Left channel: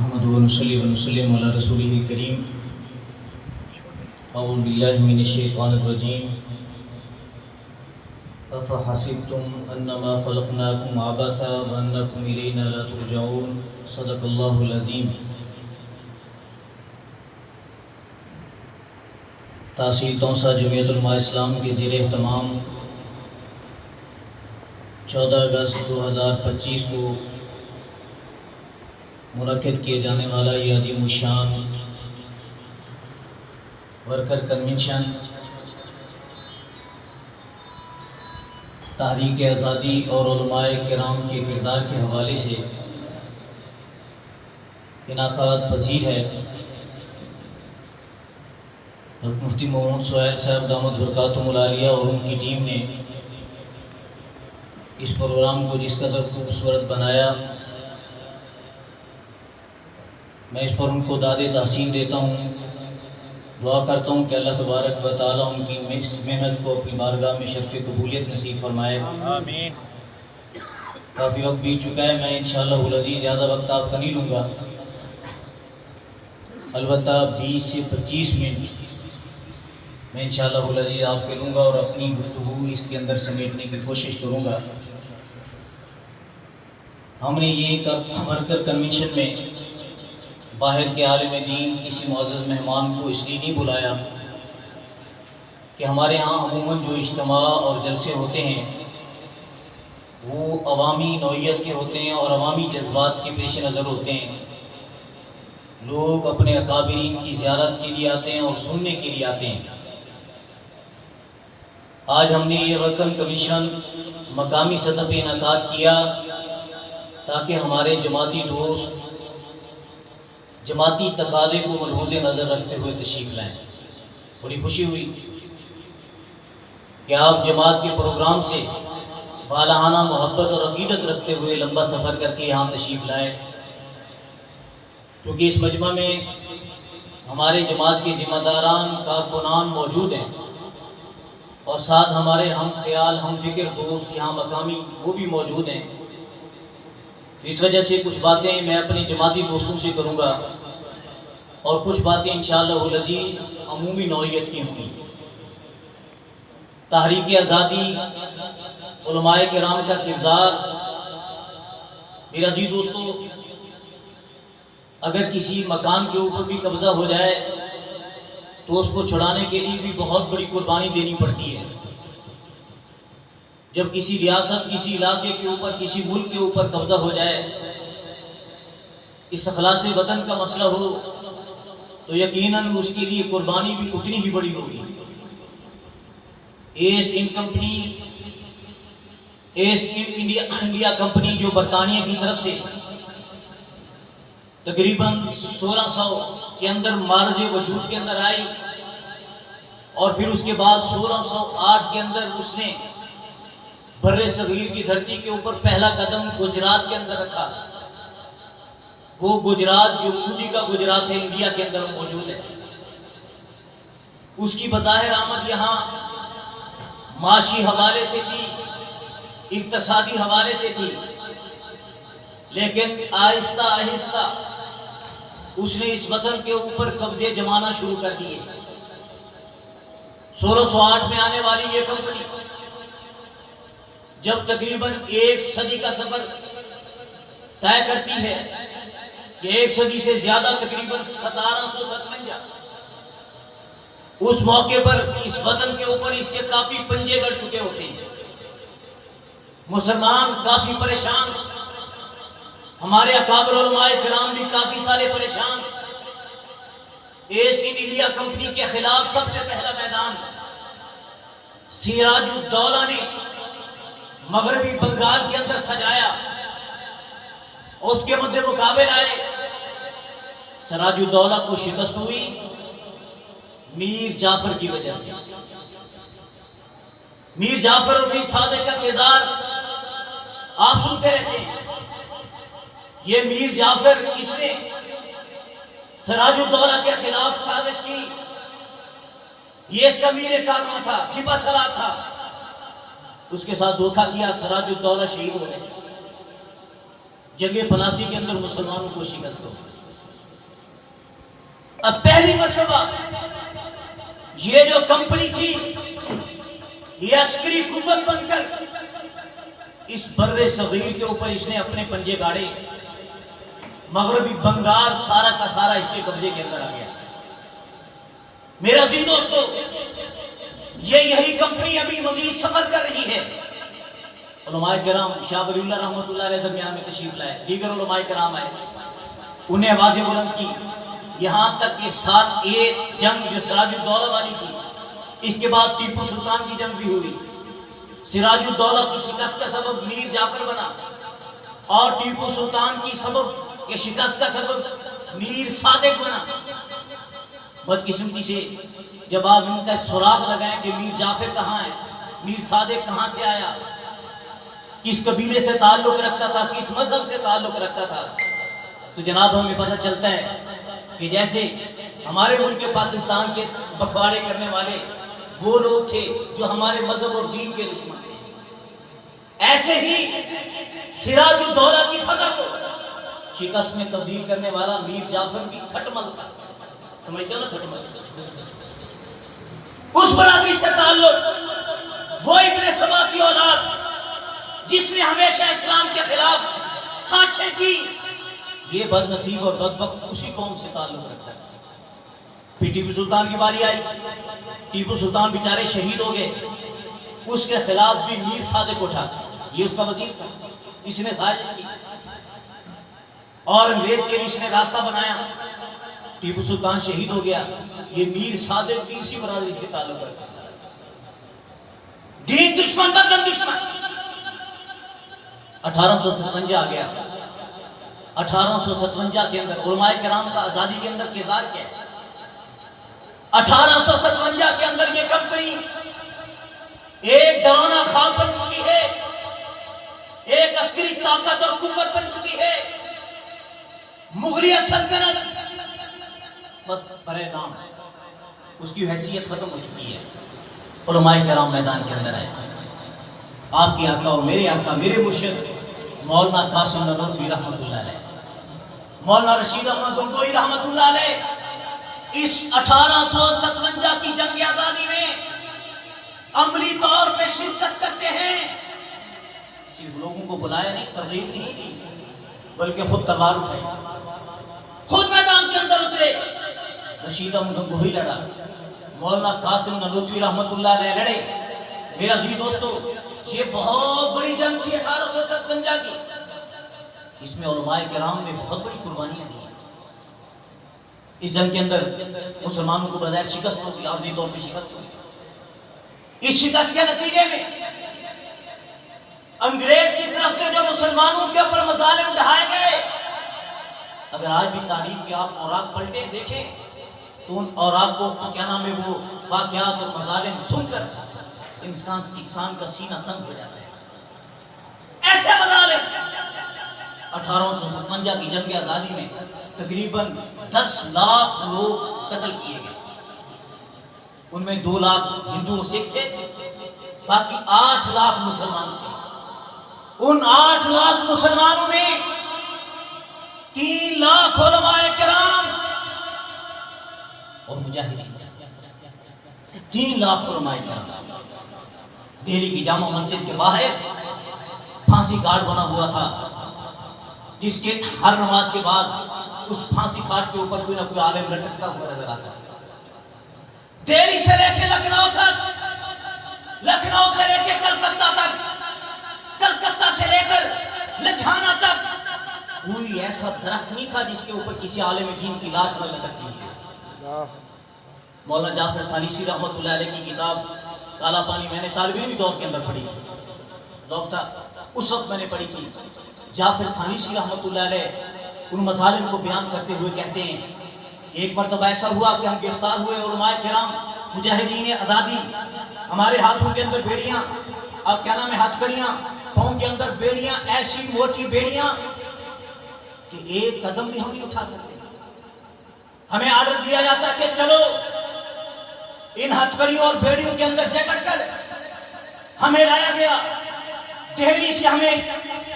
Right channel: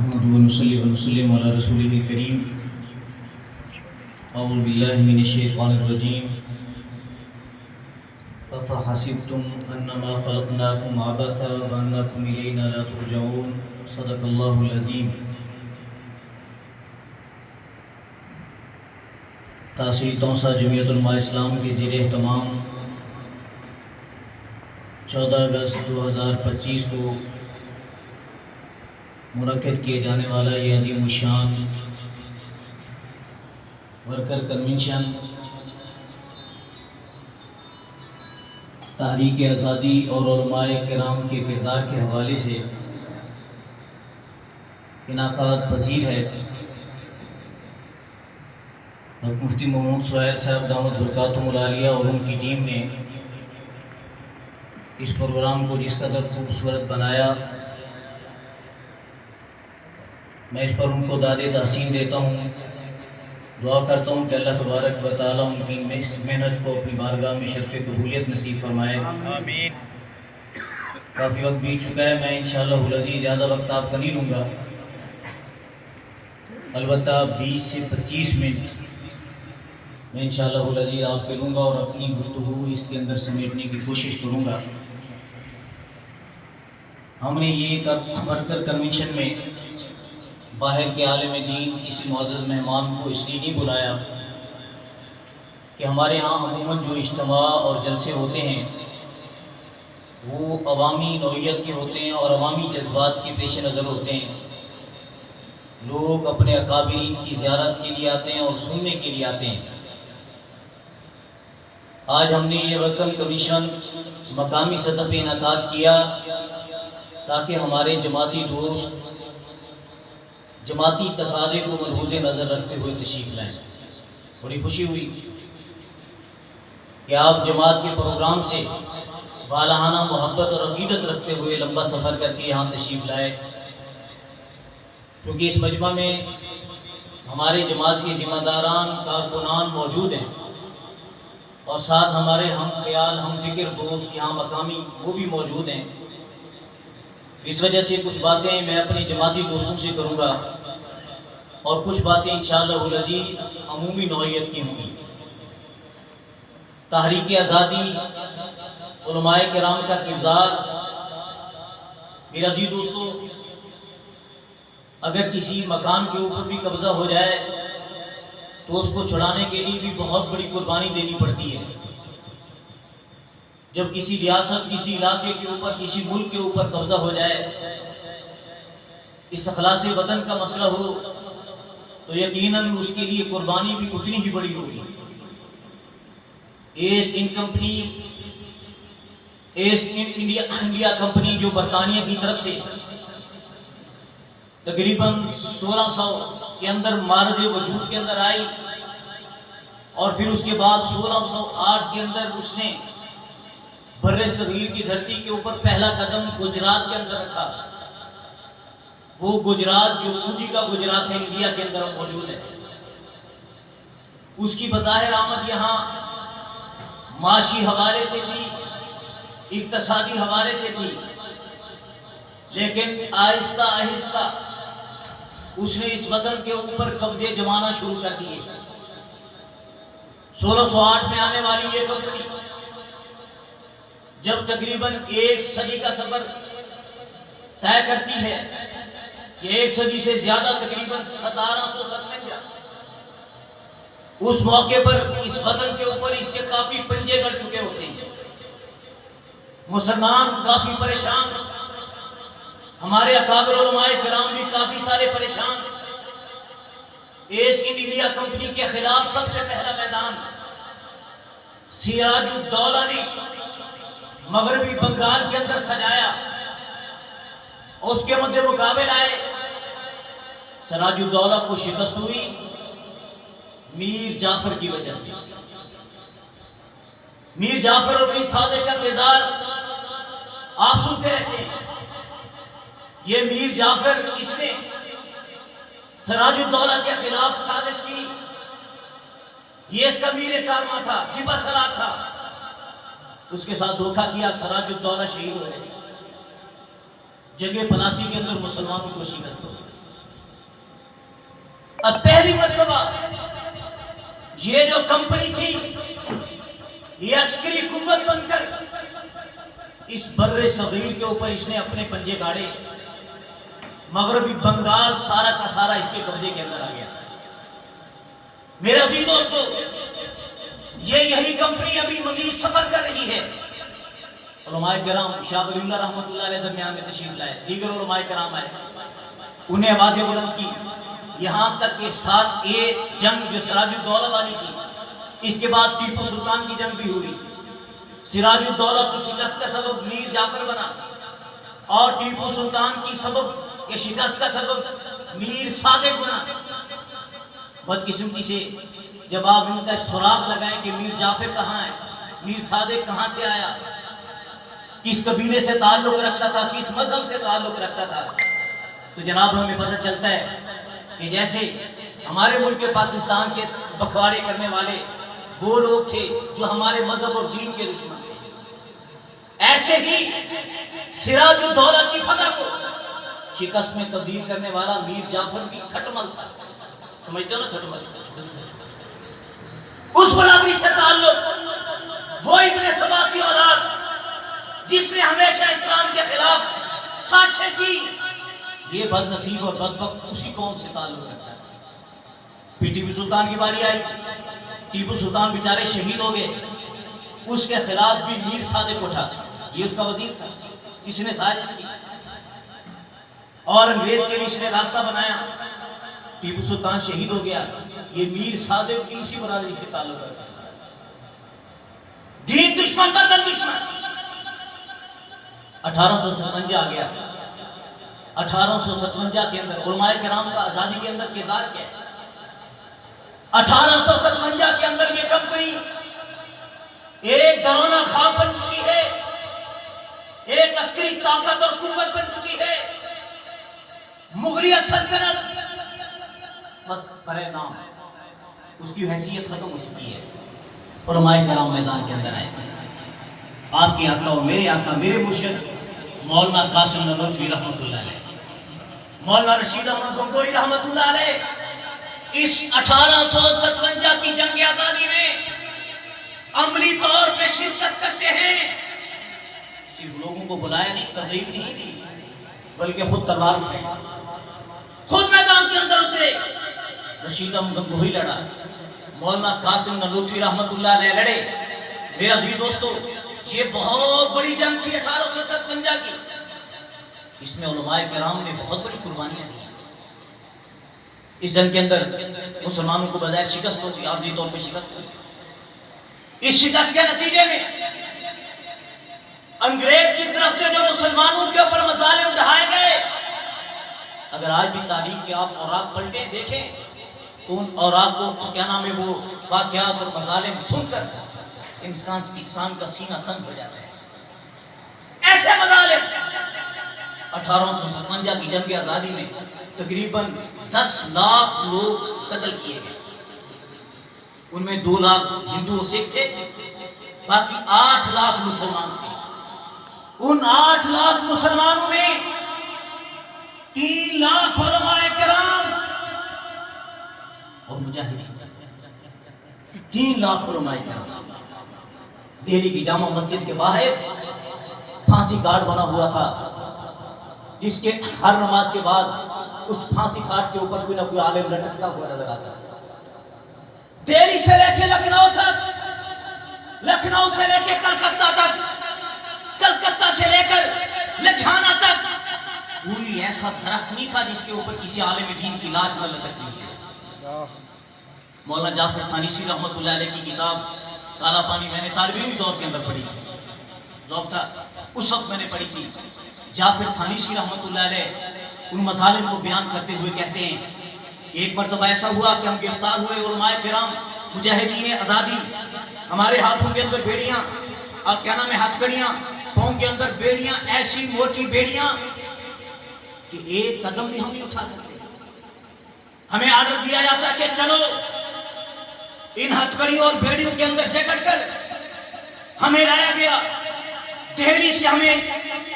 نحمد ونصلي ونسلم على رسوله الكريم. أعوذ بالله من الشيطان الرجيم. أفحسبتم أنما خلقناكم عبثا وأنكم إلينا لا ترجعون. صدق الله العظيم. تحصیل توسا جمعیت علماء اسلام کے زیر اہتمام 14 اگست 2025 کو منعقد کیے جانے والا یہ عظیم الشان ورکر کنونشن تحریک آزادی اور علماء کرام کے کردار کے حوالے سے انعقاد پذیر ہے. مفتی محمد سہیل صاحب دامت برکاتہم العالیہ اور ان کی ٹیم نے اس پروگرام کو جس قدر خوبصورت بنایا، میں اس پر ان کو داد تحسین دیتا ہوں. دعا کرتا ہوں کہ اللہ تبارک و تعالیٰ ان کی اس محنت کو اپنی بارگاہ میں شرف قبولیت نصیب فرمائے. آمین. کافی وقت بیت چکا ہے، میں انشاءاللہ العزیز زیادہ وقت آپ کا نہیں لوں گا. البتہ 20 سے 25 منٹ میں انشاءاللہ العزیز آپ کے لوں گا اور اپنی گفتگو اس کے اندر سمیٹنے کی کوشش کروں گا. ہم نے یہ ورکر کنونشن میں باہر کے عالم دین کسی معزز مہمان کو اس لیے نہیں بلایا کہ ہمارے ہاں عموماً جو اجتماع اور جلسے ہوتے ہیں وہ عوامی نوعیت کے ہوتے ہیں اور عوامی جذبات کے پیش نظر ہوتے ہیں. لوگ اپنے اکابرین کی زیارت کے لیے آتے ہیں اور سننے کے لیے آتے ہیں. آج ہم نے یہ ورکر کنونشن مقامی سطح پہ انعقاد کیا تاکہ ہمارے جماعتی دوست جماعتی تقاضے کو ملحوظ نظر رکھتے ہوئے تشریف لائیں. بڑی خوشی ہوئی کہ آپ جماعت کے پروگرام سے والہانہ محبت اور عقیدت رکھتے ہوئے لمبا سفر کر کے یہاں تشریف لائے. کیونکہ اس مجمع میں ہمارے جماعت کے ذمہ داران کارکنان موجود ہیں اور ساتھ ہمارے ہم خیال ہم فکر دوست یہاں مقامی وہ بھی موجود ہیں. اس وجہ سے کچھ باتیں میں اپنے جماعتی دوستوں سے کروں گا اور کچھ باتیں انشاءاللہ العزیز عمومی نوعیت کی ہوں گی. تحریک آزادی علماء کرام کا کردار. میرا عزیز دوستو، اگر کسی مکان کے اوپر بھی قبضہ ہو جائے تو اس کو چھڑانے کے لیے بھی بہت بڑی قربانی دینی پڑتی ہے. جب کسی ریاست کسی علاقے کے اوپر کسی ملک کے اوپر قبضہ ہو جائے، اس اخلاص وطن کا مسئلہ ہو تو یقیناً اس کے لیے قربانی بھی اتنی ہی بڑی ہوگی. ایسٹ انڈیا کمپنی جو برطانیہ کی طرف سے تقریباً 1600 کے اندر معرض وجود کے اندر آئی اور پھر اس کے بعد 1608 کے اندر اس نے بر صغیر کی دھرتی کے اوپر پہلا قدم گجرات کے اندر رکھا. وہ گجرات جو مودی کا گجرات ہے، انڈیا کے اندر موجود ہے. اس کی بظاہر آمد یہاں معاشی حوالے سے تھی، اقتصادی حوالے سے تھی، لیکن آہستہ آہستہ اس نے اس وطن کے اوپر قبضے جمانا شروع کر دیے. 1608 میں آنے والی یہ کمپنی جب تقریباً 1 صدی کا سفر طے کرتی ہے، یہ 1 صدی سے زیادہ تقریباً 1757، اس موقع پر اس وطن کے اوپر اس کے کافی پنجے گڑ چکے ہوتے ہیں. مسلمان کافی پریشان، ہمارے اکابر علماء کرام بھی کافی سارے پریشان. ایسٹ انڈیا کمپنی کے خلاف سب سے پہلا میدان سراج الدولہ نے مغربی بنگال کے اندر سجایا اور اس کے مد مقابل آئے. سراج الدولہ کو شکست ہوئی میر جعفر کی وجہ سے. میر جعفر اور میر صادق کا کردار آپ سنتے رہتے ہیں. یہ میر جعفر اس نے سراج الدولہ کے خلاف سازش کی. یہ اس کا میر کارواں تھا، سپہ سالار تھا. اس کے ساتھ دھوکہ کیا، سراج الدولہ شہید ہو گئے. جنگ پلاسی کے اندر مسلمانوں کو شکست ہو. اب پہلی مرتبہ یہ جو کمپنی تھی یہ عسکری قوت بن کر اس بر صغیر کے اوپر اس نے اپنے پنجے گاڑے، مغربی بنگال سارا کا سارا اس کے قبضے کے اندر آ گیا۔ میرے عزیز دوستو، یہی کمپنی ابھی مزید سفر کر رہی ہے۔ علماء کرام شاہ ولی اللہ رحمۃ اللہ علیہ درمیان میں تشریف لائے، دیگر علماء کرام آئے، انہیں آوازیں بلند کی، یہاں تک کہ ساتھ ایک جنگ جو سراج الدولہ والی تھی، اس کے بعد ٹیپو سلطان کی جنگ بھی ہوئی۔ سراج الدولہ کی شکست کا سبب میر جعفر بنا، اور ٹیپو سلطان کی شکست کا سبب میر صادق بنا۔ بدقسمتی سے جب آپ ان کا سراغ لگائیں کہ میر جعفر کہاں ہے، میر صادق کہاں سے آیا، کس قبیلے سے تعلق رکھتا تھا، کس مذہب سے تعلق رکھتا تھا، تو جناب ہمیں پتہ چلتا ہے کہ جیسے ہمارے ملک پاکستان کے بکواڑے کرنے والے وہ لوگ تھے جو ہمارے مذہب اور دین کے دشمن تھے، ایسے ہی سراج الدولہ کی فتح کو شکست میں تبدیل کرنے والا میر جعفر بھی کھٹمل تھا، سمجھتے ہو نا کھٹمل، اس برادری سے تعلق، وہ ابن سبا کی اولاد جس نے ہمیشہ اسلام کے خلاف سازشیں کی، یہ بد نصیب اور بدبخت اسی قوم سے تعلق رکھتا ہے۔ پھر ٹیپو سلطان کی باری آئی، ٹیپو سلطان بیچارے شہید ہو گئے، اس کے خلاف بھی میر صادق اٹھا، یہ اس کا وزیر تھا، اس نے سازش کی اور انگریز کے لیے اس نے راستہ بنایا، ٹیپو سلطان شہید ہو گیا، یہ میر صادق بھی اسی برادری سے تعلق رکھتا ہے۔ دین دشمن وطن دشمن۔ 1857 آ گیا، 1857 کے اندر علماء کرام کا آزادی کے اندر کردار کیا ہے؟ 1857 کے اندر یہ کمپنی ایک ڈرانا خواب بن چکی ہے، ایک عسکری طاقت اور قوت بن چکی ہے۔ مغلیہ سلطنت بس برے نام، اس کی حیثیت ختم ہو چکی ہے۔ علماء کرام میدان کے اندر آئے، آپ کے آقا اور میرے آقا، میرے مرشد مولانا قاسم نانوتوی رحمۃ اللہ علیہ، مولانا رشید احمد گنگوئی رحمۃ اللہ علیہ، اس 1857 کی جنگ آزادی میں عملی طور پہ شرکت کرتے ہیں۔ صرف لوگوں کو بلایا نہیں، ترغیب نہیں دی، بلکہ خود تلوار اٹھائی، خود میدان کے اندر اترے۔ رشید احمد گنگوئی لڑا، مولانا قاسم نانوتوی رحمۃ اللہ علیہ لڑے۔ میرا عزیز دوستو، یہ بہت بڑی جنگ تھی 1857 کی، اس میں علماء کرام نے بہت بڑی قربانیاں دی۔ اس جنگ کے اندر مسلمانوں کو بظاہر شکست ہوتی، عارضی طور پہ شکست ہوتی۔ اس شکست کے نتیجے میں انگریز کی طرف سے جو مسلمانوں کے اوپر مظالم ڈھائے گئے، اگر آج بھی تاریخ کے آپ اوراق پلٹیں دیکھیں تو ان اوراق کو کیا نام ہے، وہ واقعات اور مظالم سن کر انسان کا سینہ تنگ ہو جاتا ہے۔ ایسے مظالم 1857 کی جنگ آزادی میں تقریباً 10 لاکھ لوگ قتل کیے گئے، ان میں 2 لاکھ ہندو سکھ تھے، باقی 8 لاکھ مسلمان تھے۔ ان 8 لاکھ مسلمانوں میں 3 لاکھ علماء کرام اور مجاہدین، 3 لاکھ علماء کرام۔ دہلی کی جامع مسجد کے باہر پھانسی گھاٹ بنا ہوا تھا، جس کے ہر نماز کے بعد اس پھانسی گھاٹ کے اوپر کوئی نہ کوئی عالم لٹکتا ہوا نظر آتا تھا۔ دہلی سے لے کے لکھنؤ تک، لکھنؤ سے لے کے کلکتہ تک، کلکتہ سے لے کر لدھیانہ تک کوئی ایسا درخت نہیں تھا جس کے اوپر کسی عالم دین کی لاش نہ لٹکتی تھی۔ مولانا جعفر تھانیسی رحمۃ اللہ علیہ کی کتاب کالا پانی میں نے طالب علمی دور کے اندر پڑھی تھی، لوگ تھا اس وقت میں نے پڑھی تھی۔ جعفر تھانیسی رحمۃ اللہ علیہ ان مظالم کو بیان کرتے ہوئے کہتے ہیں، ایک مرتبہ ایسا ہوا کہ ہم گرفتار ہوئے، علماء کرام مجاہدین آزادی، ہمارے ہاتھوں کے اندر بیڑیاں اور کیا نام ہے ہتھکڑیاں، پاؤں کے اندر بیڑیاں، ایسی موٹی بیڑیاں کہ ایک قدم بھی ہم نہیں اٹھا سکتے۔ ہمیں آرڈر دیا جاتا ہے کہ چلو ان ہتھکڑیوں اور بیڑیوں کے اندر جکڑ کر ہمیں لایا گیا، دہلی سے ہمیں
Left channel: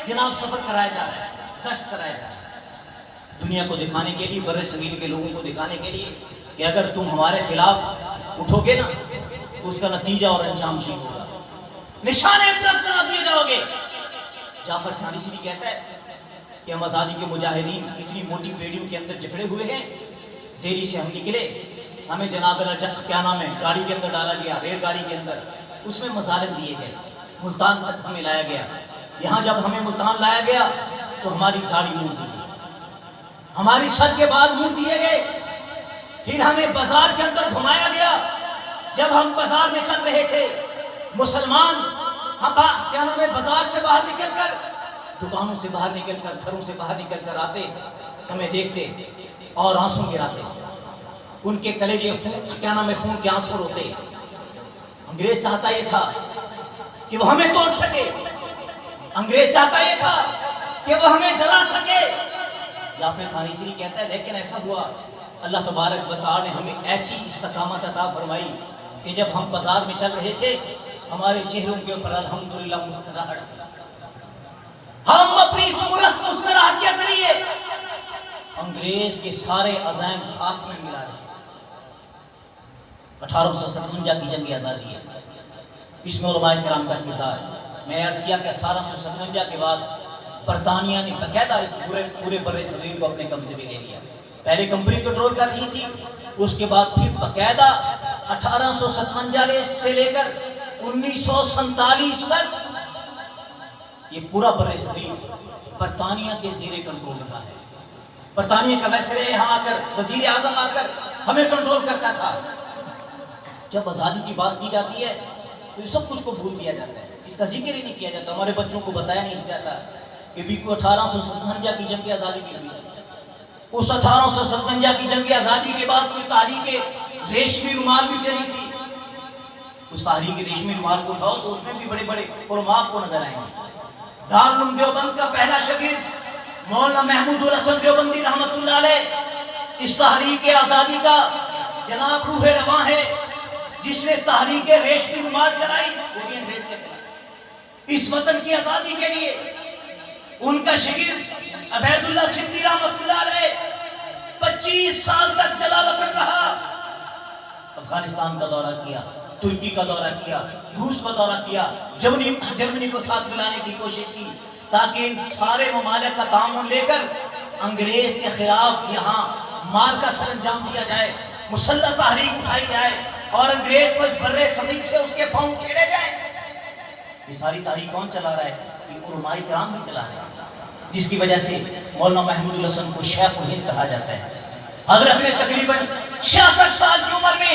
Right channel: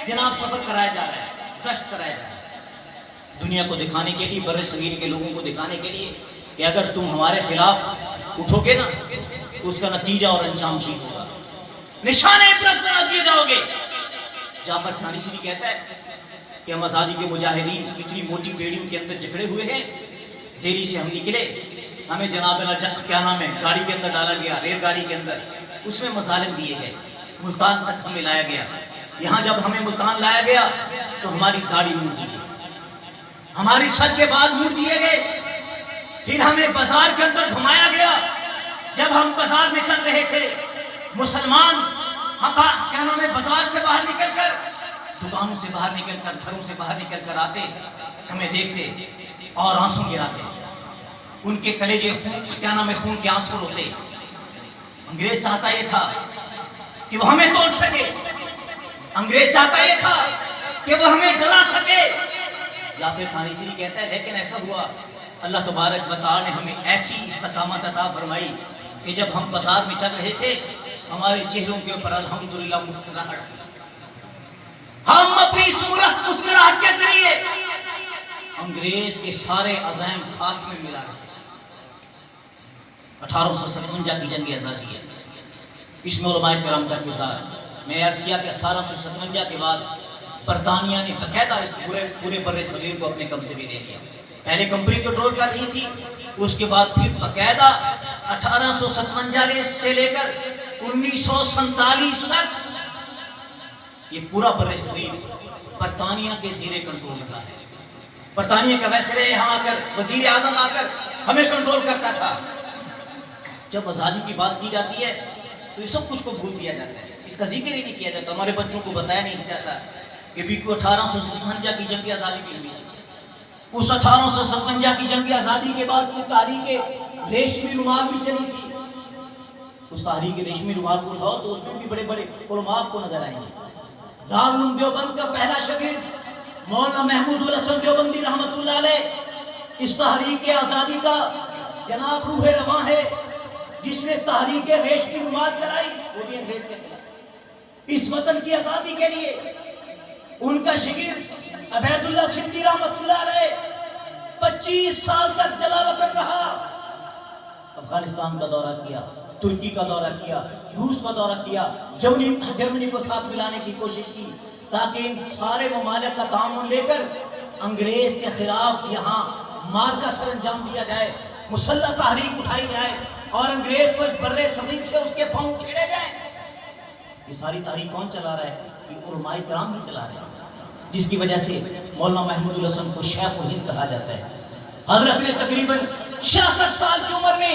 جناب سفر کرایا جا رہا ہے، گشت کرایا جا رہا ہے۔ دنیا کو دکھانے کے لیے، بر صغیر کے لوگوں کو دکھانے کے لیے کہ اگر تم ہمارے خلاف اٹھو گے نا تو اس کا نتیجہ اور انجام ٹھیک ہوگا، نشان عبرت قرار دیے جاؤ گے۔ جعفر تھانیسی کہتا ہے کہ ہم آزادی کے مجاہدین اتنی موٹی بیڑیوں کے اندر جکڑے ہوئے ہیں، دہلی سے ہم نکلے، ہمیں جناب کیا نام ہے گاڑی کے اندر ڈالا گیا، ریل گاڑی کے اندر، اس میں مظالم دیے گئے، ملتان تک ہمیں لایا گیا۔ یہاں جب ہمیں ملتان لایا گیا تو ہماری داڑھی موڑ دی گئی، ہماری سر کے بال موڑ دیے گئے، پھر ہمیں بازار کے اندر گھمایا گیا۔ جب ہم بازار میں چل رہے تھے، مسلمان کیا نام ہے بازار سے باہر نکل کر، دکانوں سے باہر نکل کر، گھروں سے باہر نکل کر آتے، ہمیں دیکھتے اور آنسو گراتے، ان کے کلیجے کیا نام ہے خون کے آنسو روتے۔ انگریز چاہتا یہ تھا کہ وہ ہمیں توڑ سکے، انگریز چاہتا یہ تھا کہ وہ ہمیں ڈرا سکے۔ جعفر تھانیسی کہتا ہے لیکن ایسا ہوا، اللہ تبارک و تعالی نے ہمیں ایسی استقامت عطا فرمائی کہ جب ہم بازار میں چل رہے تھے ہمارے چہروں کے اوپر الحمدللہ مسکراہٹ تھی، ہم اپنی صورت مسکراہٹ کے ذریعے انگریز کے سارے عزائم خاک میں ملا رہے۔ 1857 کی جنگ آزادی ہے، اس میں علماء کرام کا کردار۔ میں نے عرض کیا کہ 1857 کے بعد برطانیہ نے باقاعدہ اس پورے بر صغیر کو اپنے قبضے میں لے لیا۔ پہلے کمپنی کنٹرول کر رہی تھی، اس کے بعد پھر باقاعدہ 1857 سے لے کر 1947 تک یہ پورا بر صغیر برطانیہ کے زیر کنٹرول رہا ہے۔ برطانیہ کا ویسرے یہاں آ کر، وزیر اعظم آ کر ہمیں کنٹرول کرتا تھا۔ جب آزادی کی بات کی جاتی ہے تو یہ سب کچھ کو بھول دیا جاتا ہے، اس کا ذکر ہی نہیں کیا جاتا، ہمارے بچوں کو بتایا نہیں جاتا کہ بھی 1857 کی جنگ آزادی کی ہوئی۔ اس 1857 کی جنگ آزادی کے بعد کوئی تحریک ریشمی رومال بھی چلی تھی، اس تحریک ریشمی رومال کو اٹھاؤ تو اس میں بھی بڑے بڑے علماء کو نظر آئیں گے۔ دارالعلوم دیوبند کا پہلا شاگرد مولانا محمود الحسن دیوبندی رحمۃ اللہ علیہ اس تحریک آزادی کا جناب روح رواں ہے، جس نے تحریک ریشمی رومال چلائی، وہ بھی انگریز کے خلاف اس وطن کی آزادی کے لیے۔ ان کا شاگرد عبید اللہ سندھی رحمۃ اللہ علیہ 25 سال تک جلا وطن رہا، افغانستان کا دورہ کیا، ترکی کا دورہ کیا، روس کا دورہ کیا، جرمنی کو ساتھ ملانے کی کوشش کی تاکہ ان سارے ممالک کا تعاون لے کر انگریز کے خلاف یہاں مار کا سر انجام دیا جائے، مسلح تحریک اٹھائی جائے اور انگریز کو بر صغیر سے اس کے پاؤں کھیڑے جائیں۔ یہ ساری تاریخ کون چلا رہا ہے؟ یہ علماء کرام بھی چلا رہے ہیں، جس کی وجہ سے مولانا محمود الحسن کو شیخ الہند کہا جاتا ہے۔ حضرت نے تقریباً 66 سال کی عمر میں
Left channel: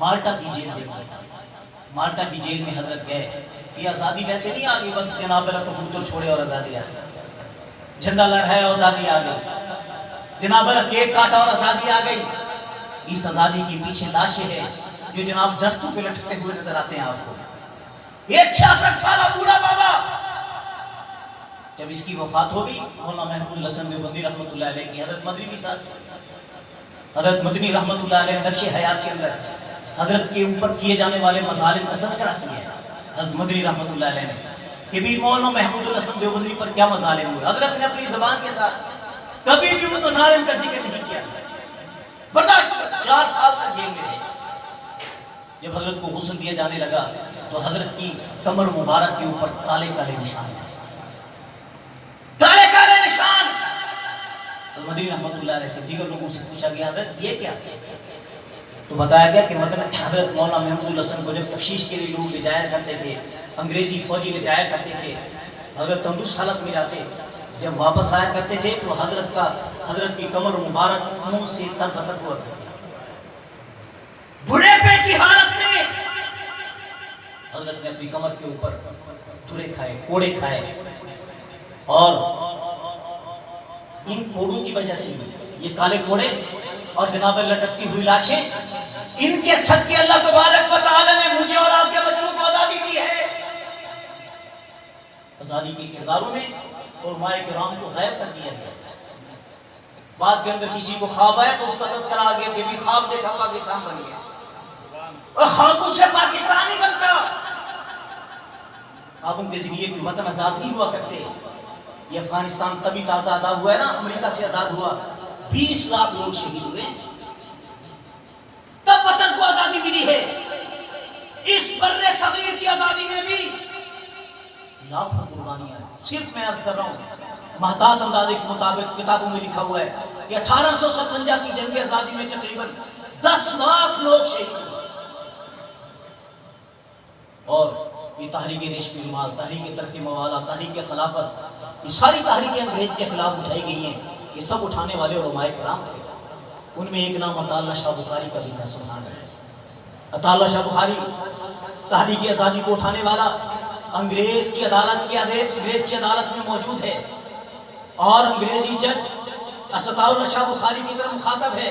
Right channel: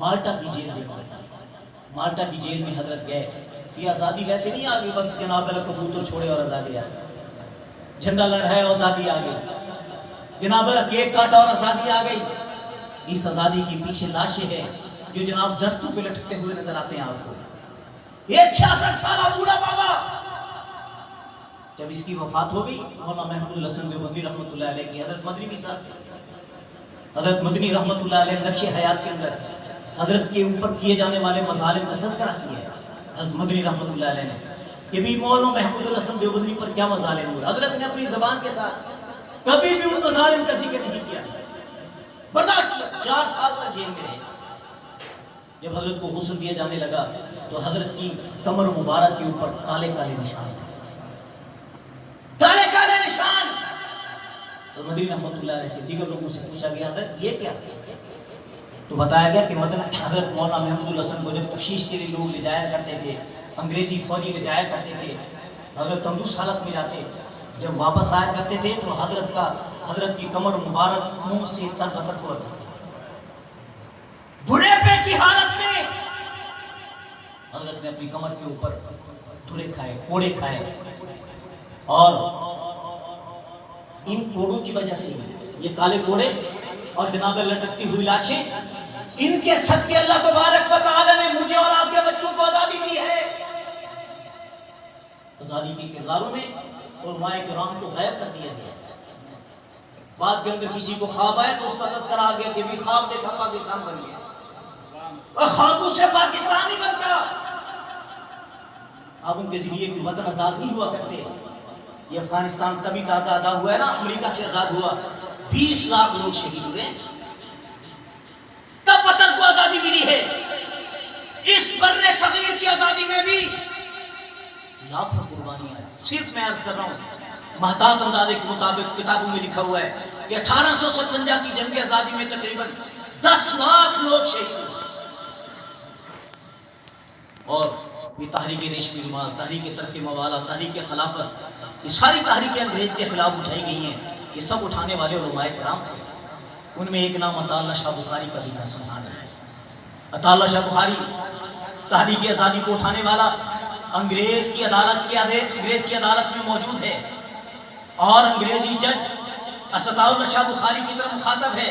مالٹا کی جیل دیکھی، مالٹا کی جیل میں حضرت گئے۔ یہ آزادی ویسے نہیں آگئی بس جناب اللہ کبوتر چھوڑے اور آزادی آ گئی، جھنڈا لہرایا اور آزادی آ گئی، جناب اللہ کیک کاٹا اور آزادی آ گئی۔ اس آزادی کے پیچھے لاشیں ہیں جو جناب درختوں پہ لٹکتے ہوئے نظر آتے ہیں آپ کو۔ یہ 66 سالہ بوڑھا بابا جب اس کی وفات ہوگی، مولانا محمود الحسن دیوبندی رحمۃ اللہ علیہ کی حضرت مدنی بھی ساتھ، حضرت مدنی رحمۃ اللہ علیہ نقش حیات کے اندر حضرت کے اوپر کیے جانے والے مظالم کا تذکرہ کیا ہے حضرت مدنی رحمۃ اللہ علیہ نے کہ بھی مولانا محمود الحسن دیوبندی پر کیا مظالم ہوئے۔ حضرت نے اپنی زبان کے ساتھ کبھی بھی ان مظالم کا ذکر نہیں کیا، برداشت کیا، 4 سال تک جیل میں رہے۔ جب حضرت کو غسل دیا جانے لگا تو حضرت کی کمر مبارک کے اوپر کالے کالے نشان تھے، کالے کالے نشان۔ مدنی رحمۃ اللہ علیہ سے دیگر لوگوں سے پوچھا گیا حضرت یہ کیا؟ تو بتایا گیا کہ حضرت مولانا محمود الحسن کو جب تفتیش کے لیے لوگ لے جایا کرتے تھے، انگریزی فوجی لے جایا کرتے تھے، حضرت تندرست حالت میں جاتے، جب واپس آیا کرتے تھے تو حضرت کی کمر مبارک منہ سے تر بتر ہوا کرتی، بڑھے پے کی حالت میں حضرت نے اپنی کمر کے اوپر دھرے کھائے، کوڑے کھائے، اور ان کوڑوں کی وجہ سے یہ کالے کوڑے اور جناب لٹکتی ہوئی لاشیں، ان کے صدقے اللہ تبارک و تعالی نے مجھے اور آپ کے بچوں کو آزادی دی ہے۔ آزادی کے کرداروں میں علماء کرام کو غائب کر دیا گیا۔ بعد کے اندر کسی کو خواب آیا تو اس کا تذکرہ آ گیا کہ بھی خواب دیکھا پاکستان بن گیا، اور خوابوں سے پاکستان نہیں بنتا۔ خوابوں کے ذریعے کوئی وطن آزاد نہیں ہوا کرتے، یہ افغانستان تبھی تازہ آزاد ہوا ہے نا، امریکہ سے آزاد ہوا، 20 لاکھ لوگ شہید ہوئے، تب وطن کو آزادی ملی ہے۔ اس بر صغیر کی آزادی میں بھی لاکھوں قربانیاں ہیں۔ صرف میں عرض کر رہا ہوں، محتاط اندازے کے مطابق کتابوں میں لکھا ہوا ہے کہ 1857 کی جنگ آزادی میں تقریباً 10 لاکھ لوگ شہید ہوئے۔ اور یہ تحریک ریشمی رومال، تحریک ترک موالا، تحریک خلافت، یہ ساری تحریکیں انگریز کے خلاف اٹھائی گئی ہیں، یہ سب اٹھانے والے علماء کرام تھے۔ ان میں ایک نام عطا اللہ شاہ بخاری کا بھی تھا، سبحان اللہ۔ عطا اللہ شاہ بخاری تحریک آزادی کو اٹھانے والا انگریز کی عدالت میں موجود ہے، اور انگریزی جج عطا اللہ شاہ بخاری کی طرف مخاطب ہے۔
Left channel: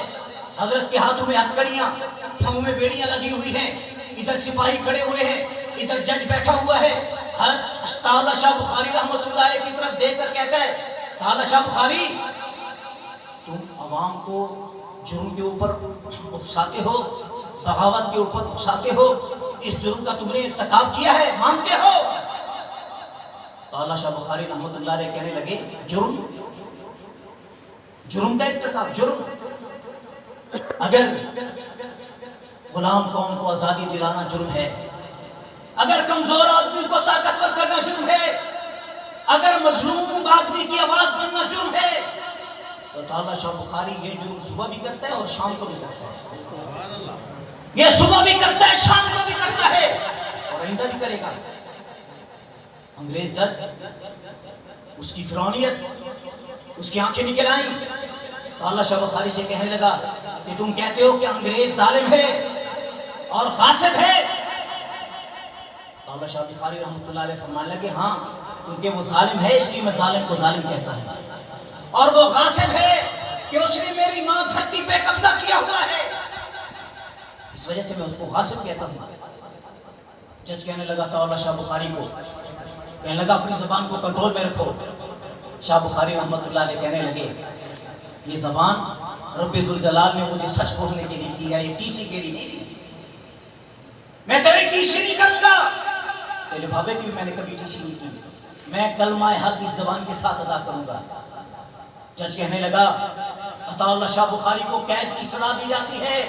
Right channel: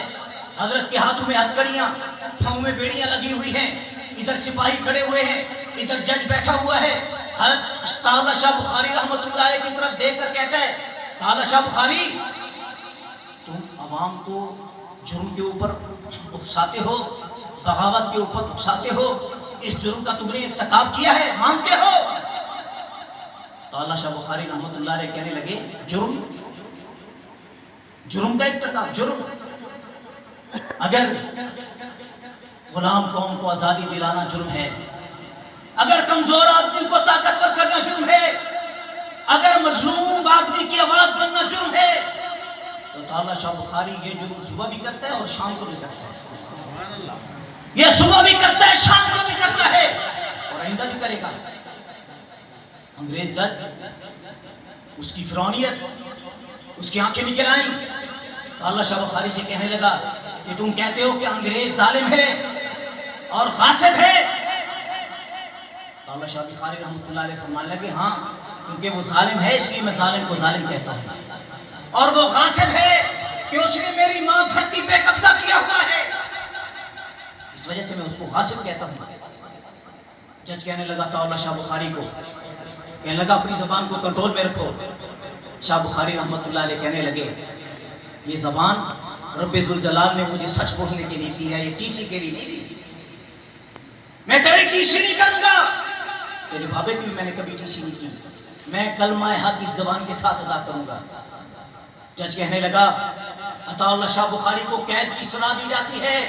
حضرت کے ہاتھوں میں ہتھکڑیاں، پھاؤں میں بیڑیاں لگی ہوئی ہیں، ادھر سپاہی کھڑے ہوئے ہیں، ادھر جج بیٹھا ہوا ہے۔ حضرت عطا اللہ شاہ بخاری رحمۃ اللہ علیہ کی طرف دیکھ کر کہتا ہے، عطا اللہ شاہ بخاری، تم عوام کو جرم کے اوپر اکساتے ہو، بغاوت کے اوپر اکساتے ہو، اس جرم کا تم نے ارتکاب کیا ہے، مانتے ہو؟ عطا اللہ شاہ بخاری رحمۃ اللہ علیہ کہنے لگے، جرم کا ارتکاب، جرم، اگر غلام قوم کو آزادی دلانا جرم ہے، اگر کمزور آدمی کو طاقتور کرنا جرم ہے، اگر مظلوم آدمی کی آواز بننا جرم ہے، تو عطا اللہ شاہ بخاری یہ جرم صبح بھی کرتا ہے اور شام کو بھی کرتا ہے۔ یہ صبح بھی کرتا ہے، شام کو بھی کرتا ہے، اور آئندہ بھی کرے گا۔ انگریز جج اس کی فرعونیت، اس کی آنکھیں نکل آئیں۔ عطا اللہ شاہ بخاری سے کہنے لگا کہ تم کہتے ہو کہ انگریز ظالم ہے اور غاصب ہے۔ عطا اللہ شاہ بخاری رحمۃ اللہ علیہ فرمانے لگے، ہاں، کیونکہ وہ ظالم ہے اس لیے میں ظالم کو ظالم کہتا ہوں، اور وہ غاصب ہے کہ اس نے میری ماں دھرتی پہ قبضہ کیا ہوا ہے، اس وجہ سے میں اس کو غاصب کہتا ہوں۔ جج کہنے لگا عطا اللہ شاہ بخاری کو، کہنے لگا اپنی زبان کو کنٹرول میں رکھو۔ شاہ بخاری رحمۃ اللہ علیہ کہنے لگے، یہ زبان رب ذوالجلال نے مجھے سچ بولنے کے لیے دی ہے، یہ ٹی سی کے لیے نہیں دی۔ میں تیری ٹی سی نہیں کروں گا، تیرے بابے کی بھی میں نے کبھی ٹی سی نہیں کی، میں کلمہ حق اس زبان کے ساتھ ادا کروں گا۔ جج کہنے لگا، عطا اللہ شاہ بخاری کو قید کی سزا دی جاتی ہے۔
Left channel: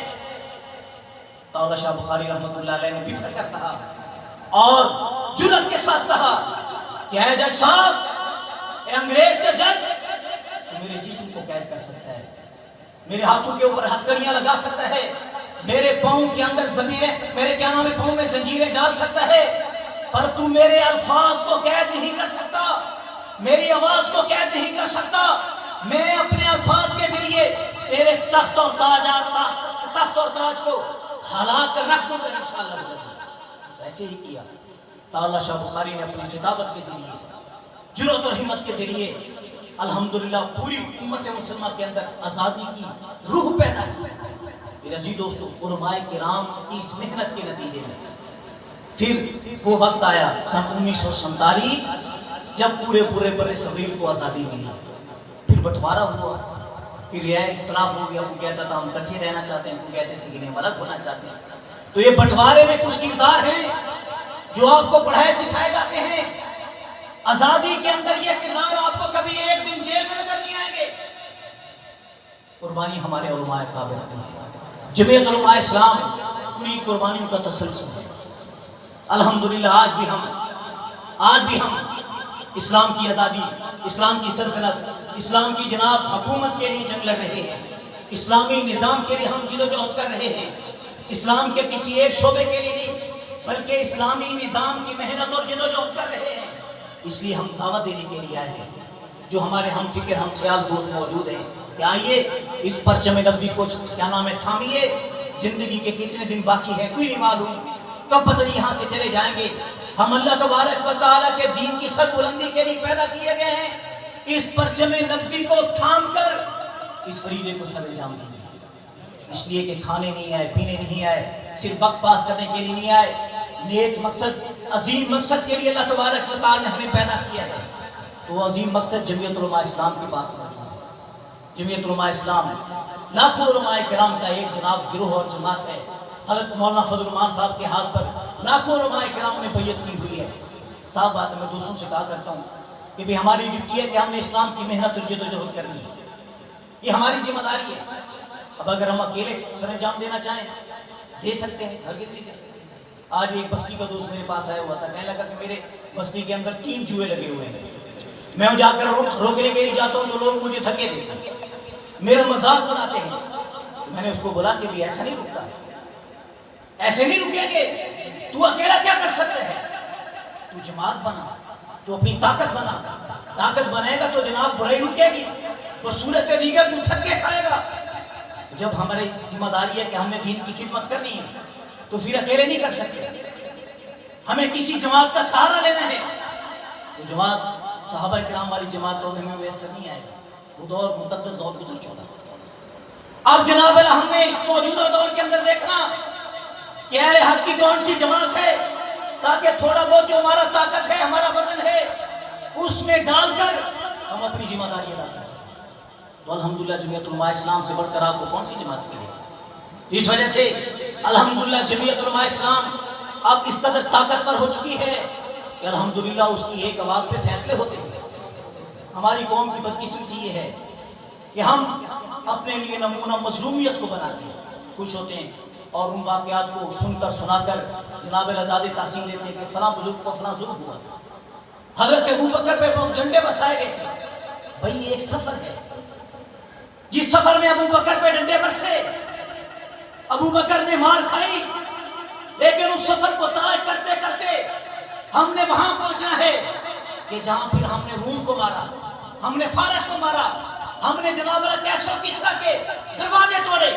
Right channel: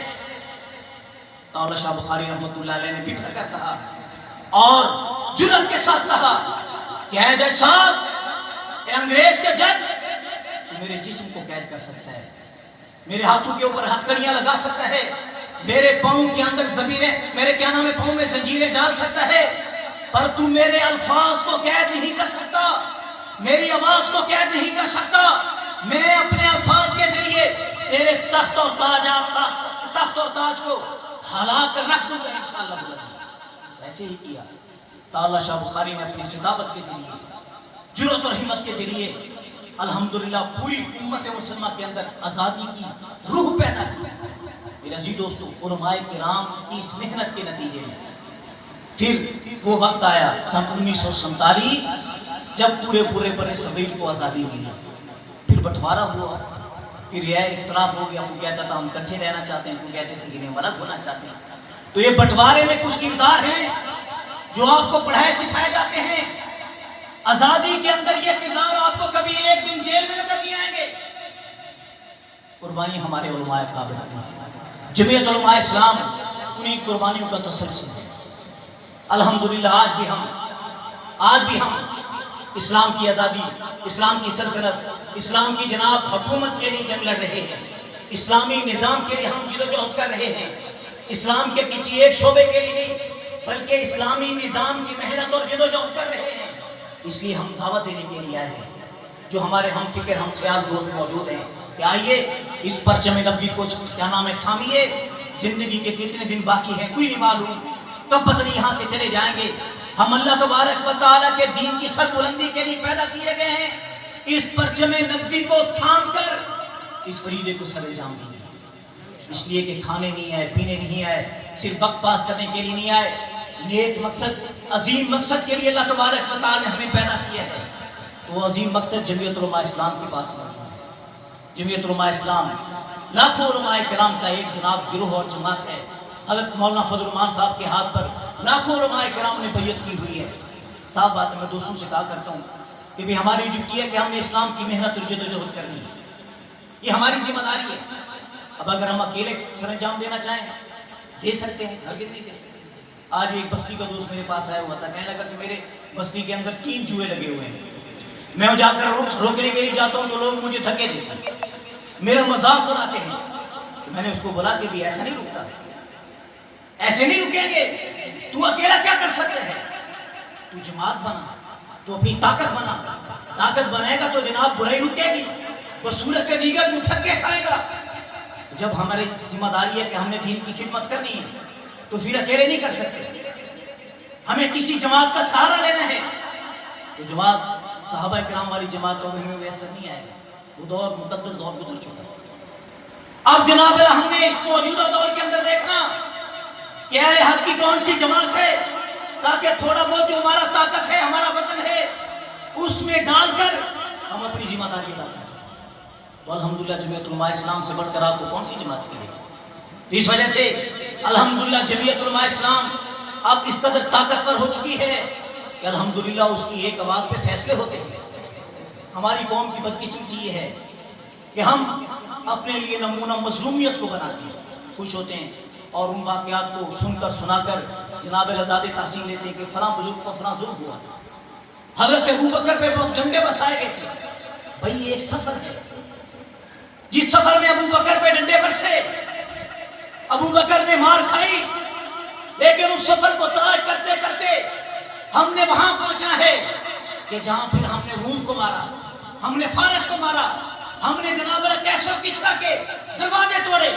عطا اللہ شاہ بخاری رحمۃ اللہ علیہ نے بکھر کر کہا اور جرأت کے ساتھ کہا کہ اے جج صاحب، اے انگریز کے جج، تو میرے جسم کو قید کر سکتا ہے، میرے ہاتھوں کے اوپر ہتھکڑیاں لگا سکتا ہے، میرے پاؤں کے اندر زنجیریں، میرے کیا نام ہے، پاؤں میں زنجیریں ڈال سکتا ہے، پر تو میرے الفاظ کو قید نہیں کر سکتا، میری آواز کو قید نہیں کر سکتا۔ میں اپنے الفاظ کے ذریعے تیرے تخت اور تاج کو ہلا کر رکھ دوں گا انشاءاللہ۔ ایسے ہی کیا۔ عطا اللہ شاہ بخاری نے اپنی خطابت کے ذریعے، جرأت اور ہمت کے ذریعے الحمدللہ پوری امت مسلمہ کے اندر آزادی کی روح پیدا کی۔ میرے عزیز دوستو، علماء کرام کی اس محنت کے نتیجے میں پھر وہ وقت آیا سن 1947 جب پورے بر صغیر کو آزادی ملی، پھر بٹوارا ہوا، پھر یہ اختلاف ہو گیا، کوئی کہتا تھا ہم اکٹھے رہنا چاہتے ہیں، کوئی کہتے تھے کہ ہم الگ ہونا چاہتے ہیں۔ تو یہ بٹوارے میں کچھ کردار ہیں جو آپ کو پڑھائے سکھائے جاتے ہیں۔ آزادی کے اندر یہ کردار آپ کو کبھی ایک دن جیل میں نظر نہیں آئیں گے۔ قربانی ہمارے علماء قابل ہیں، جمعیت علماء اسلام پوری قربانیوں کا تسلسل ہے۔ الحمدللہ آج بھی ہم اسلام کی آزادی، اسلام کی سلطنت، اسلام کی جناب حکومت کے لیے جنگ لڑ رہے ہیں، اسلامی نظام کے لیے ہم جدوجہد کر رہے ہیں، اسلام کے کسی ایک شعبے کے لیے نہیں بلکہ اسلامی نظام کی محنت اور جدوجہد کر رہے ہیں۔ اس لیے ہم دعوت دینے کے لیے آئے ہیں، جو ہمارے ہم فکر ہم خیال دوست موجود ہیں کہ آئیے اس پرچم نبوی کو کیا نام ہے تھامیے۔ زندگی کے کتنے دن باقی ہیں کوئی نہیں معلوم، کب پتہ نہیں یہاں سے چلے جائیں گے۔ ہم اللہ تبارک و تعالیٰ کے دین کی سر بلندی کے لیے پیدا کیے گئے ہیں، اس پرچم نبوی کو تھام کر اس فریضے کو سر انجام دیں گے۔ اس لیے کہ کھانے نہیں آئے، پینے نہیں آئے، صرف وقت پاس کرنے کے لیے نہیں آئے، نیک مقصد، عظیم مقصد کے لیے اللہ تبارک و تعالیٰ نے ہمیں پیدا کیا ہے۔ تو عظیم مقصد جمعیت علماء اسلام کے پاس موجود ہے۔ جمعیت علماء اسلام لاکھوں علماء کرام کا ایک جناب گروہ اور جماعت ہے۔ حضرت مولانا فضل الرحمان صاحب کے ہاتھ پر لاکھوں علماء کرام نے بیعت کی ہوئی ہے۔ صاحب بات میں دوستوں سے کہا کرتا ہوں کہ بھی ہماری ڈیوٹی ہے کہ ہم نے اسلام کی محنت اور جدوجہد کرنی ہے، یہ ہماری ذمہ داری ہے۔ اب اگر ہم اکیلے سر انجام دینا چاہیں دے سکتے ہیں، ہرگز نہیں دے سکتے۔ آج ایک بستی کا دوست میرے پاس آیا ہوا تھا، کہنے لگا کہ میرے بستی کے اندر 3 جوئے لگے ہوئے ہیں، میں جا کر روکنے کے لیے جاتا ہوں تو لوگ مجھے دھکے دیتے ہیں، میرا مذاق اڑاتے ہیں۔ میں نے اس کو بولا کہ بھی ایسا نہیں رکتا، ایسے نہیں رکیں گے، تو اکیلا کیا کر سکتے ہیں؟ تو جماعت بنا، تو اپنی طاقت بنا، طاقت بنائے گا تو جناب برائی رکے گی، بصورت دیگر تو تھکے کھائے گا۔ جب ہماری ذمہ داری ہے کہ ہم نے دین کی خدمت کرنی ہے تو پھر اکیلے نہیں کر سکتے، ہمیں کسی جماعت کا سہارا لینا ہے۔ تو جماعت صحابہ کرام والی جماعت تو ہمیں ویسے نہیں آئے، وہ دور مقدس دور گزر چکا۔ اب جناب ہم نے اس موجودہ دور کے اندر دیکھنا کہ اہل حق کی کون سی جماعت ہے، تاکہ تھوڑا بہت جو ہمارا طاقت ہے، ہمارا وزن ہے، اس میں ڈال کر ہم اپنی ذمہ داری ادا کر سکیں۔ تو الحمدللہ جمعیت علماء اسلام سے بڑھ کر آپ کو کون سی جماعت کی ہے؟ اس وجہ سے الحمدللہ جمعیت علماء اسلام اب اس قدر طاقتور ہو چکی ہے کہ الحمدللہ اس کی ایک آواز پہ فیصلے ہوتے ہیں۔ ہماری قوم کی بدقسمتی یہ ہے کہ ہم اپنے لیے نمونہ مظلومیت کو بناتے ہیں، خوش ہوتے ہیں اور ان واقعات کو سن کر سنا کر جناب العداد تحسین لیتے ہیں کہ فلاں بزرگ کو فلاں ظلم ہوا تھا، حضرت ابوبکر پہ بہت ڈنڈے بسائے گئے تھے۔ بھائی یہ ایک سفر ہے، جس سفر میں ابوبکر پہ ڈنڈے برسے، ابوبکر نے مار کھائی، لیکن اس سفر کو طے کرتے کرتے ہم نے وہاں پہنچنا ہے کہ جہاں پھر ہم نے روم کو مارا، ہم نے فارس کو مارا، ہم نے جناب کیسر و کسریٰ کے دروازے توڑے۔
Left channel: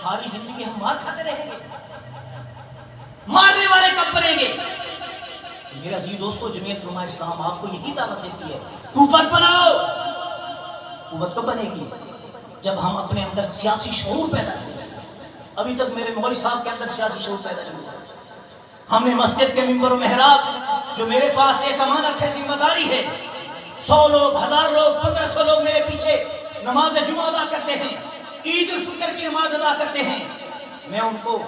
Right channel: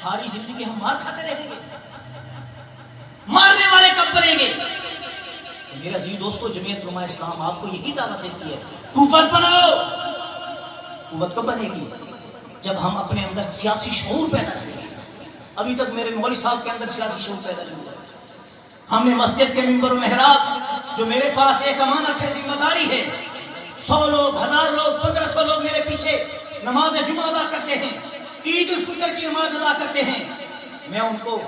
ساری زندگی ہم مار کھاتے رہیں گے، مارنے والے کب بنیں گے؟ میرا عزیز دوستو، جمعیت علماء اسلام آپ کو یہی دعوت دیتی ہے، قوت بناؤ۔ قوت کب بنے گی؟ جب ہم اپنے اندر سیاسی شعور پیدا کریں گے۔ ابھی تک میرے مولوی صاحب کے اندر سیاسی شعور پیدا نہیں ہوا۔ ہم نے مسجد کے منبر و محراب، جو میرے پاس ایک امانت ہے، ذمہ داری ہے، 100 لوگ، 1000 لوگ، 1500 لوگ میرے پیچھے نماز جمعہ ادا کرتے ہیں، عید الفطر کی نماز ادا کرتے ہیں، میں ان کو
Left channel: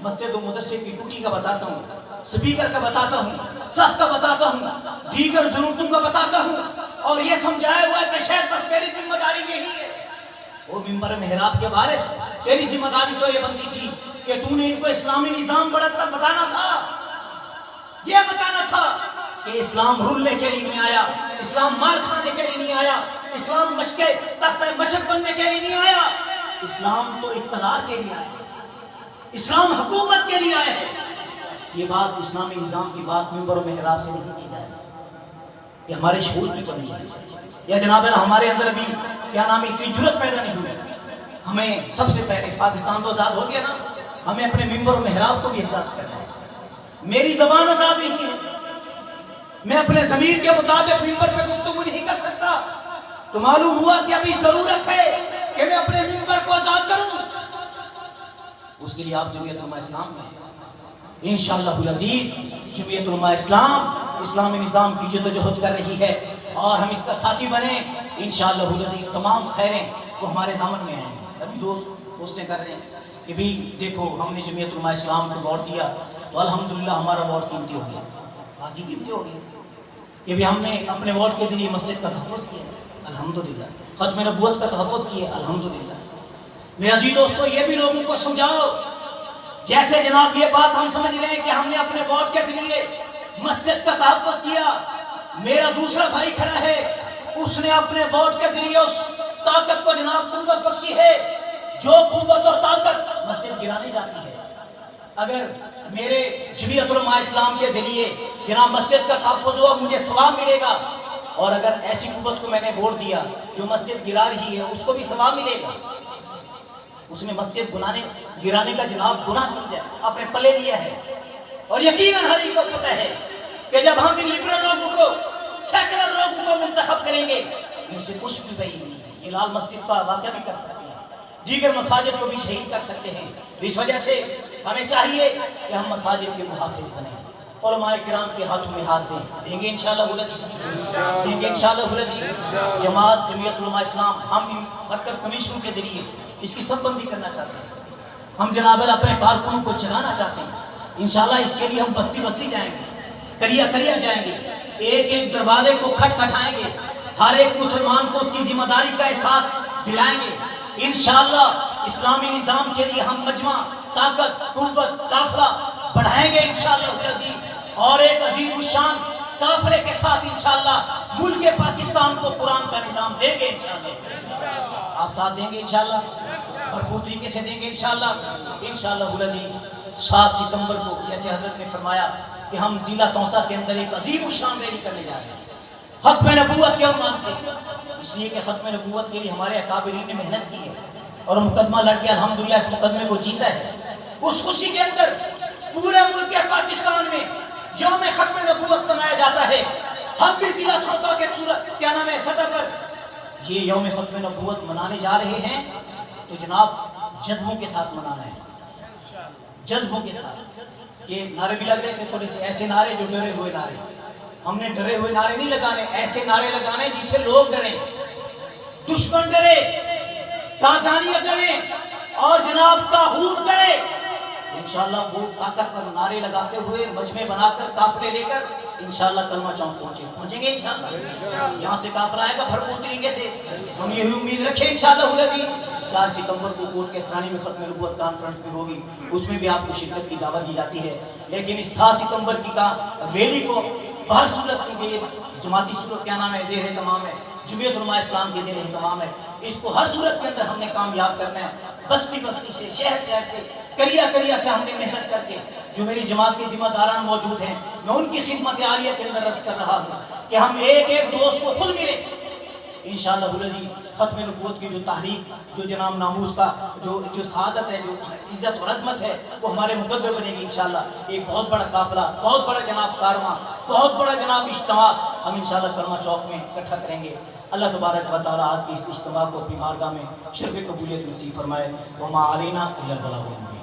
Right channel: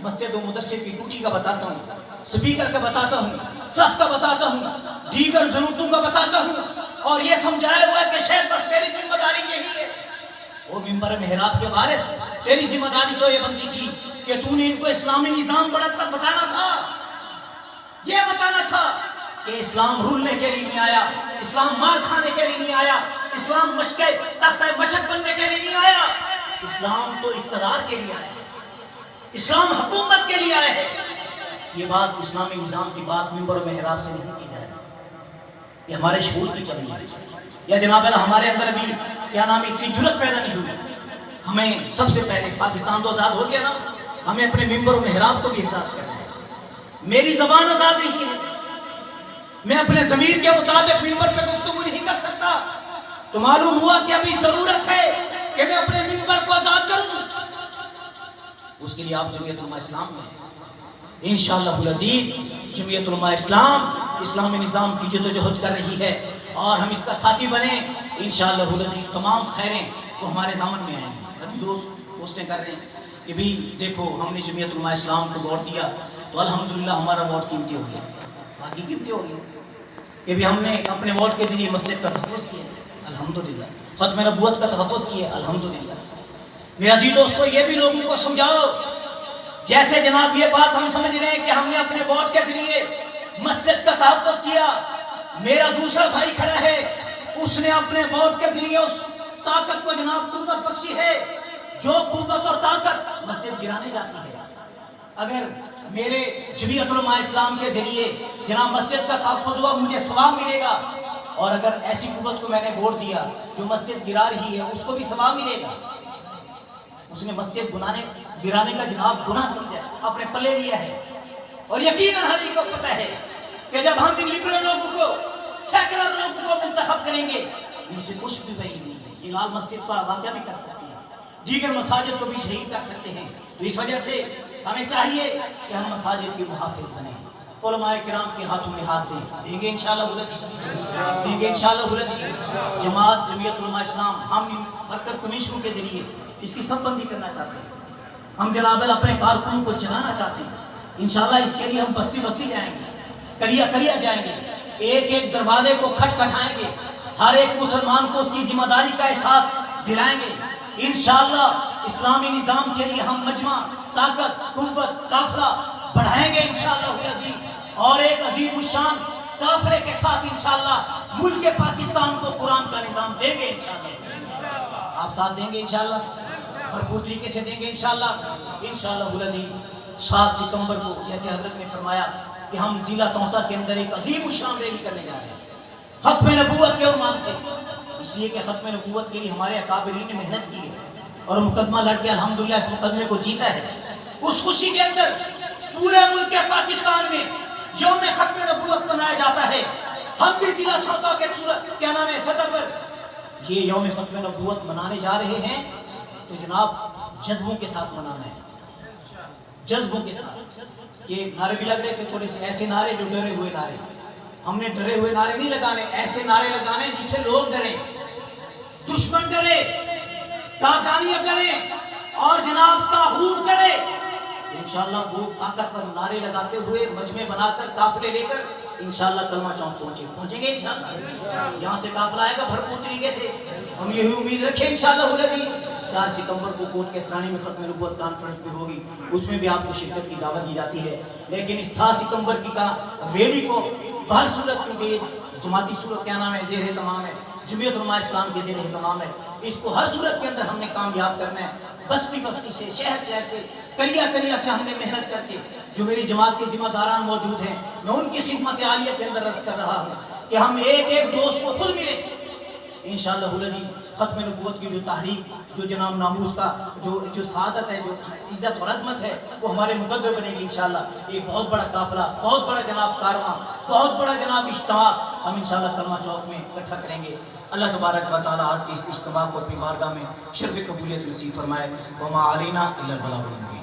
مسجد و مدرسے کی ٹوٹی کا بتاتا ہوں، سپیکر کا بتاتا ہوں، صف کا بتاتا ہوں، دیگر ضرورتوں کا بتاتا ہوں، اور یہ سمجھایا ہوا ہے کہ شاید بس تیری ذمہ داری یہی ہے۔ وہ منبر محراب کے وارث، تیری ذمہ داری تو یہ بنتی تھی کہ تو نے ان کو اسلامی نظام بڑھت کر بتانا تھا، یہ بتانا تھا کہ اسلام رولنے کے لیے نہیں آیا، اسلام مار کھانے کے لیے نہیں آیا، اسلام تختہ مشق بننے کے لیے نہیں آیا، اسلام تو اقتدار کے لیے آیا، اسلام حکومت کے لیے آیا ہے۔ یہ بات اسلامی نظام کی بات منبر محراب سے نہیں کی جائے، یہ ہمارے شعور کی کمی ہے، یا جناب ہمارے اندر ابھی کیا نام اتنی جرت پیدا نہیں ہوئی۔ ہمیں سب سے پہلے پاکستان تو آزاد ہو گیا نا، ہمیں اپنے منبر و محراب کو بھی آزاد کرنا ہے۔ میری زبان آزاد نہیں ہے، میں اپنے ضمیر کے مطابق منبر پہ گفتگو نہیں کر سکتا، تو معلوم ہوا کہ ابھی ضرورت ہے کہ میں اپنے منبر کو آزاد کروں۔ اس کے لیے آپ جمعیت علماء اسلام میں انشاءاللہ العزیز، جمعیت علماء اسلام اسلامی نظام کی جدوجہد کر رہی ہے اور ہم اس کا ساتھی بنیں انشاءاللہ العزیز۔ تمام خیریں وہ ہمارے دامن میں آئیں گے۔ ابھی دوست پوسٹیں کر رہے ہیں کہ بھی دیکھو ہم نے جمعیت علماء اسلام کو ووٹ دیا تو الحمدللہ ہمارا ووٹ قیمتی ہو گیا، باقی قیمتی ہو گیا کہ بھی ہم نے اپنے ووٹ کے ذریعے مسجد کا تحفظ کیا الحمدللہ، ختم نبوت کا تحفظ کیا الحمدللہ۔ میرا عزیز دوستو، یہ بھی لوگوں کو سمجھاؤ، جیسے جناب یہ بات ہم سمجھ رہے ہیں کہ ہم نے اپنے ووٹ کے ذریعے مسجد کا تحفظ کیا، میرا دوسرا بھائی کھڑا ہے، اس نے اپنے ووٹ کے ذریعے اس طاقت کو جناب قوت بخشی ہے، جو قوت اور طاقت مسجد گرانے جاتی ہے۔ اگر میرے جمعیت علماء اسلام کے ذریعے جناب مسجد کا تحفظ ہوا، مجھے ثواب ملے گا، اور اگر ایسی قوت کو میں نے ووٹ دیا جو مسجد گرا رہی ہے، اس کو بھی ثواب ملے گا۔ اس نے مسجد گرانے کا جناب گناہ سمجھا، اپنے پلے لیا ہے، اور یقیناً ہر ایک کو پتہ ہے کہ جب ہم ان لبرل لوگوں کو، سیکولر لوگوں کو منتخب کریں گے، ان سے کچھ بھی بعید نہیں ہے، یہ لال مسجد کا واقعہ بھی کر سکتے ہیں، دیگر مساجد کو بھی شہید کر سکتے ہیں۔ تو اس وجہ سے ہمیں چاہیے کہ ہم مساجد کے محافظ بنیں، علماء کرام کے ہاتھوں میں ہاتھ دیں گے انشاءاللہ دیں گے انشاءاللہ جماعت جمعیت علماء اسلام ہم ورکر کمیشنوں کے ذریعے اس کی سب بندی کرنا چاہتے ہیں، ہم جناب اپنے کارکنوں کو چلانا چاہتے ہیں انشاءاللہ۔ اس کے لیے ہم بستی بستی جائیں گے، کریا کریا جائیں گے، ایک ایک دروازے کو کھٹکھٹائیں گے، ہر ایک مسلمان کو اس کی ذمہ داری کا احساس دلائیں گے۔ انشاءاللہ اسلامی نظام کے لیے ہم مجمع، طاقت، قوت، قافلہ بڑھائیں گے انشاءاللہ العزیز، اور ایک عظیم الشان قافلے کے ساتھ انشاءاللہ ملک پاکستان کو قرآن کا نظام دیں گے انشاءاللہ۔ آپ ساتھ دیں گے انشاءاللہ، بھرپور طریقے سے دیں گے انشاءاللہ العزیز۔ 7 ستمبر کو جیسے حضرت نے فرمایا کہ ہم ضلع توسا کے اندر ایک عظیم الشان ریلی کرنے جا رہے ہیں ختم نبوت کے عنوان سے، اس لیے کہ ختم نبوت کے لیے ہمارے اکابرین نے محنت کی ہے اور مقدمہ لڑ کے الحمدللہ اس مقدمے کو جیتا ہے۔ اس خوشی کے اندر پورے ملک پاکستان میں یوم ختم نبوت منایا جاتا ہے۔ ہم بھی ضلع توسا کے سطح پر یہ یوم ختم نبوت منانے جا رہے ہیں، تو جناب جذبوں کے ساتھ منانا ہے، جذبوں کے ساتھ۔ یہ نعرے بھی لگ رہے تھے تھوڑے سے ایسے نعرے جو ڈرے ہوئے نعرے، ہم نے ڈرے ہوئے نعرے نہیں لگانے، ایسے نعرے لگانے جس سے لوگ ڈریں، دشمن ڈرے، قادانیہ ڈرے اور جناب طاغوت ڈرے۔ انشاءاللہ وہ طاقتور نعرے لگاتے ہوئے مجمع بنا کر قافلے لے کر انشاءاللہ کلمہ چوک پہنچیں گے انشاءاللہ۔ یہاں سے قافلہ آئے گا بھرپور طریقے سے، ہم یہی امید رکھیں انشاءاللہ العزیز۔ 4 ستمبر کو کوٹ کے سرانے میں ختم نبوت کانفرنس بھی ہوگی، اس میں بھی آپ کو شرکت کی دعوت دی جاتی ہے، لیکن اس 7 ستمبر کی ریلی کو بہر صورت کیونکہ یہ جماعتی صورت کیا نام ہے، زیر اہتمام ہے، جمعیت علماء اسلام کے زیر اہتمام ہے، اس کو ہر صورت کے اندر ہم نے کامیاب کرنا ہے۔ بستی بستی سے، شہر شہر سے، کریا کریا سے ہم نے محنت کر کے، جو میری جماعت کے ذمہ داران موجود ہیں، میں ان کی خدمت عالیہ کے اندر عرض کر رہا ہوں کہ ہم ایک ایک دوست کو خود ملے انشاءاللہ العزیز۔ ختم نبوت کی جو تحریک، جو جناب ناموس کا جو سعادت ہے، جو عزت اور عظمت ہے، وہ ہمارے مقدر بنے گی انشاءاللہ۔ ایک بہت بڑا قافلہ، بہت بڑا جناب کارواں، بہت بڑا جناب اجتماع ہم انشاءاللہ کلمہ چوک میں اکٹھا کریں گے۔ اللہ تبارک و تعالیٰ آج کے اس اجتماع کو اپنی بارگاہ میں شرف قبولیت نصیب فرمائے۔ وما علینا الا البلاغ۔